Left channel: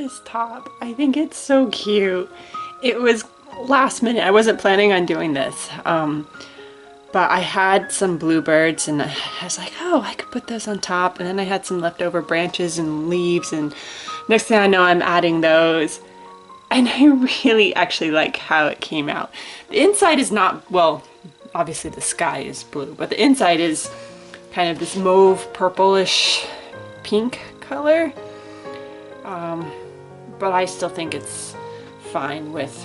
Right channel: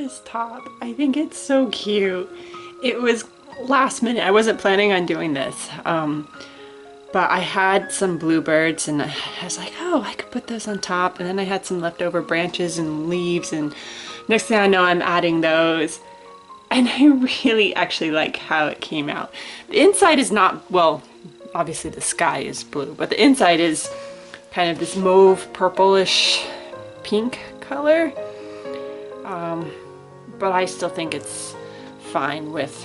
this top. I think it's so cute. It was last minute. I wasn't planning on doing this. But I had some bluebirds and I was like, oh, I could put those on top. And then I had some leftover branches and leaves, and next thing I know, I'm adding those. And I really actually like how it came out. The inside is not, well, obviously the sky is blue, but the inside is kind of this mauve purplish pink color. But I still think it's fine with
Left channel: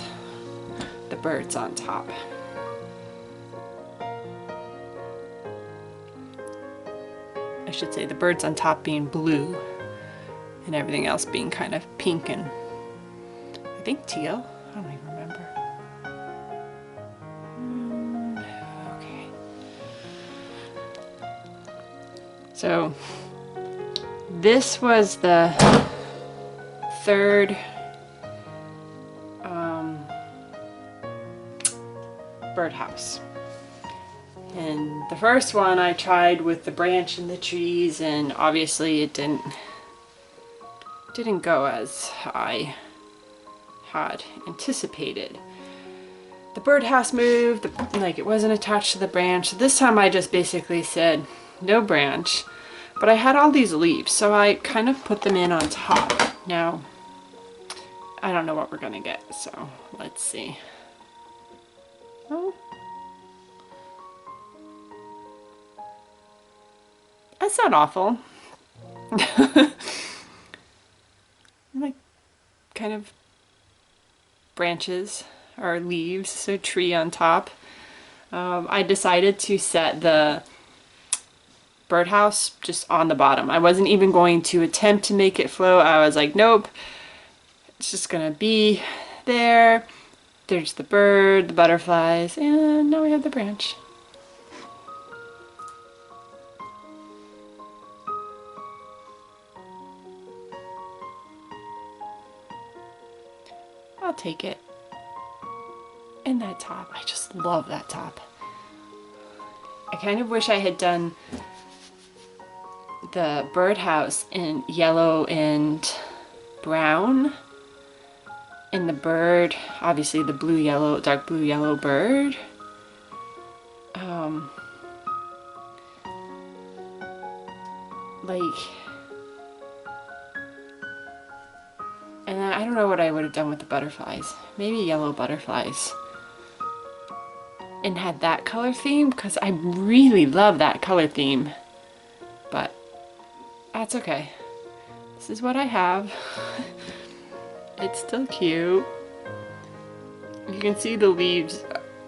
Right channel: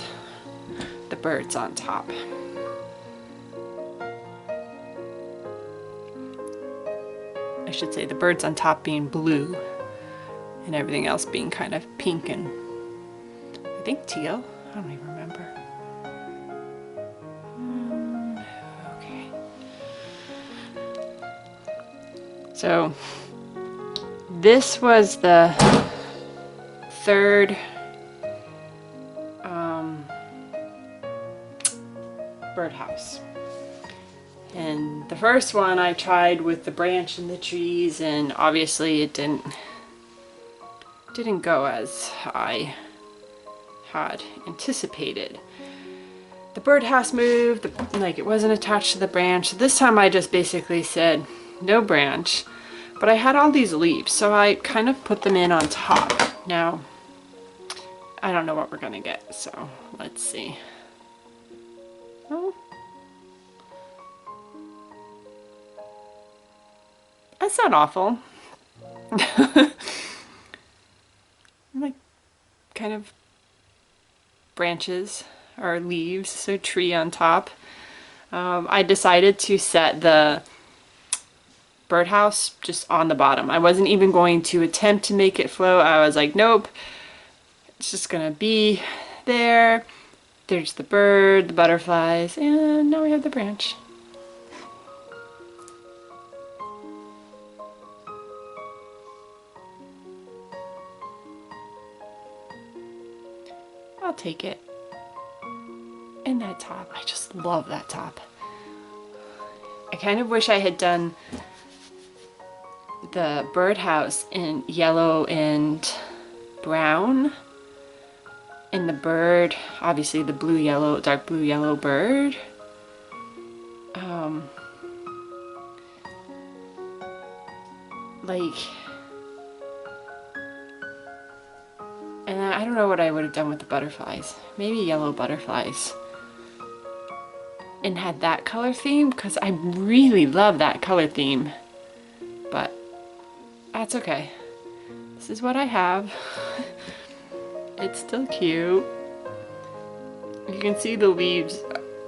the birds on top. I should say the birds on top being blue and everything else being kind of pink and I think teal. I don't even remember. Okay. So this was the third birdhouse. And the first one I tried with the branch and the trees, and obviously it didn't go as I had anticipated. The birdhouse moved, like it wasn't attached to the branch. So this time I just basically said no branch, but I had all these leaves, so I kind of put them in on top. Now, I don't know what we're gonna get, so let's see. Oh. That's not awful. Like kind of branches or leaves, so tree on top. I decided to set the birdhouse just on the bottom. I wasn't even going to attempt to make it float. I was like, nope, it's just gonna be there. There's the bird, the butterflies, and now we have the branch. I'll take it. And that top, I just love that top. I kind of wish I had done the birdhouse in yellow and brown. And the bird, obviously the blue yellow, dark blue yellow bird. And I don't know what I would have done with the butterflies. Maybe yellow butterflies. And had that color theme, because I really love that color theme. But that's okay. This is what I have. It's still cute. You can see the leaves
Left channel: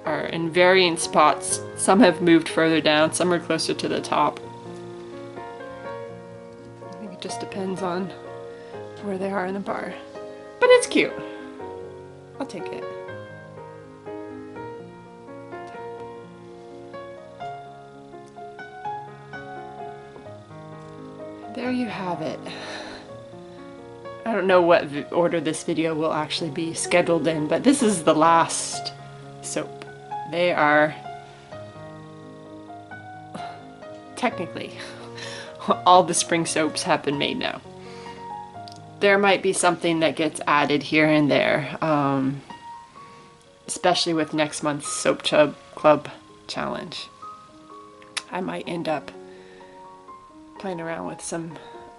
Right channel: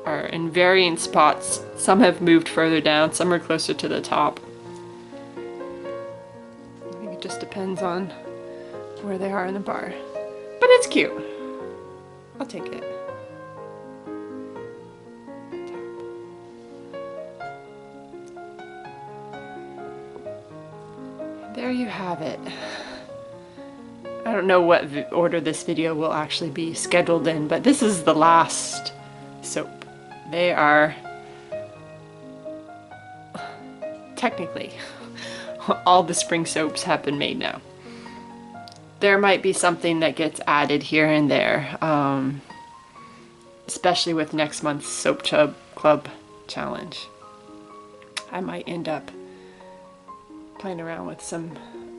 are in varying spots. Some have moved further down, some are closer to the top. I think it just depends on where they are in the bar. But it's cute. I'll take it. There you have it. I don't know what order this video will actually be scheduled in, but this is the last soap. They are technically all the spring soaps have been made now. There might be something that gets added here and there, especially with next month's Soap Club challenge. I might end up playing around with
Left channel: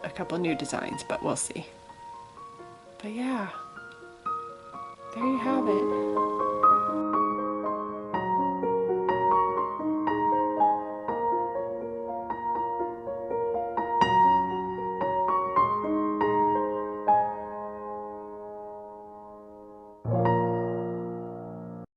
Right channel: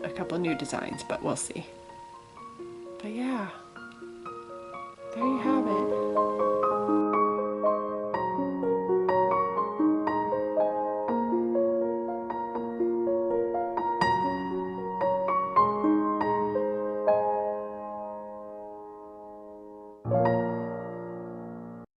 a couple new designs, but we'll see. But yeah.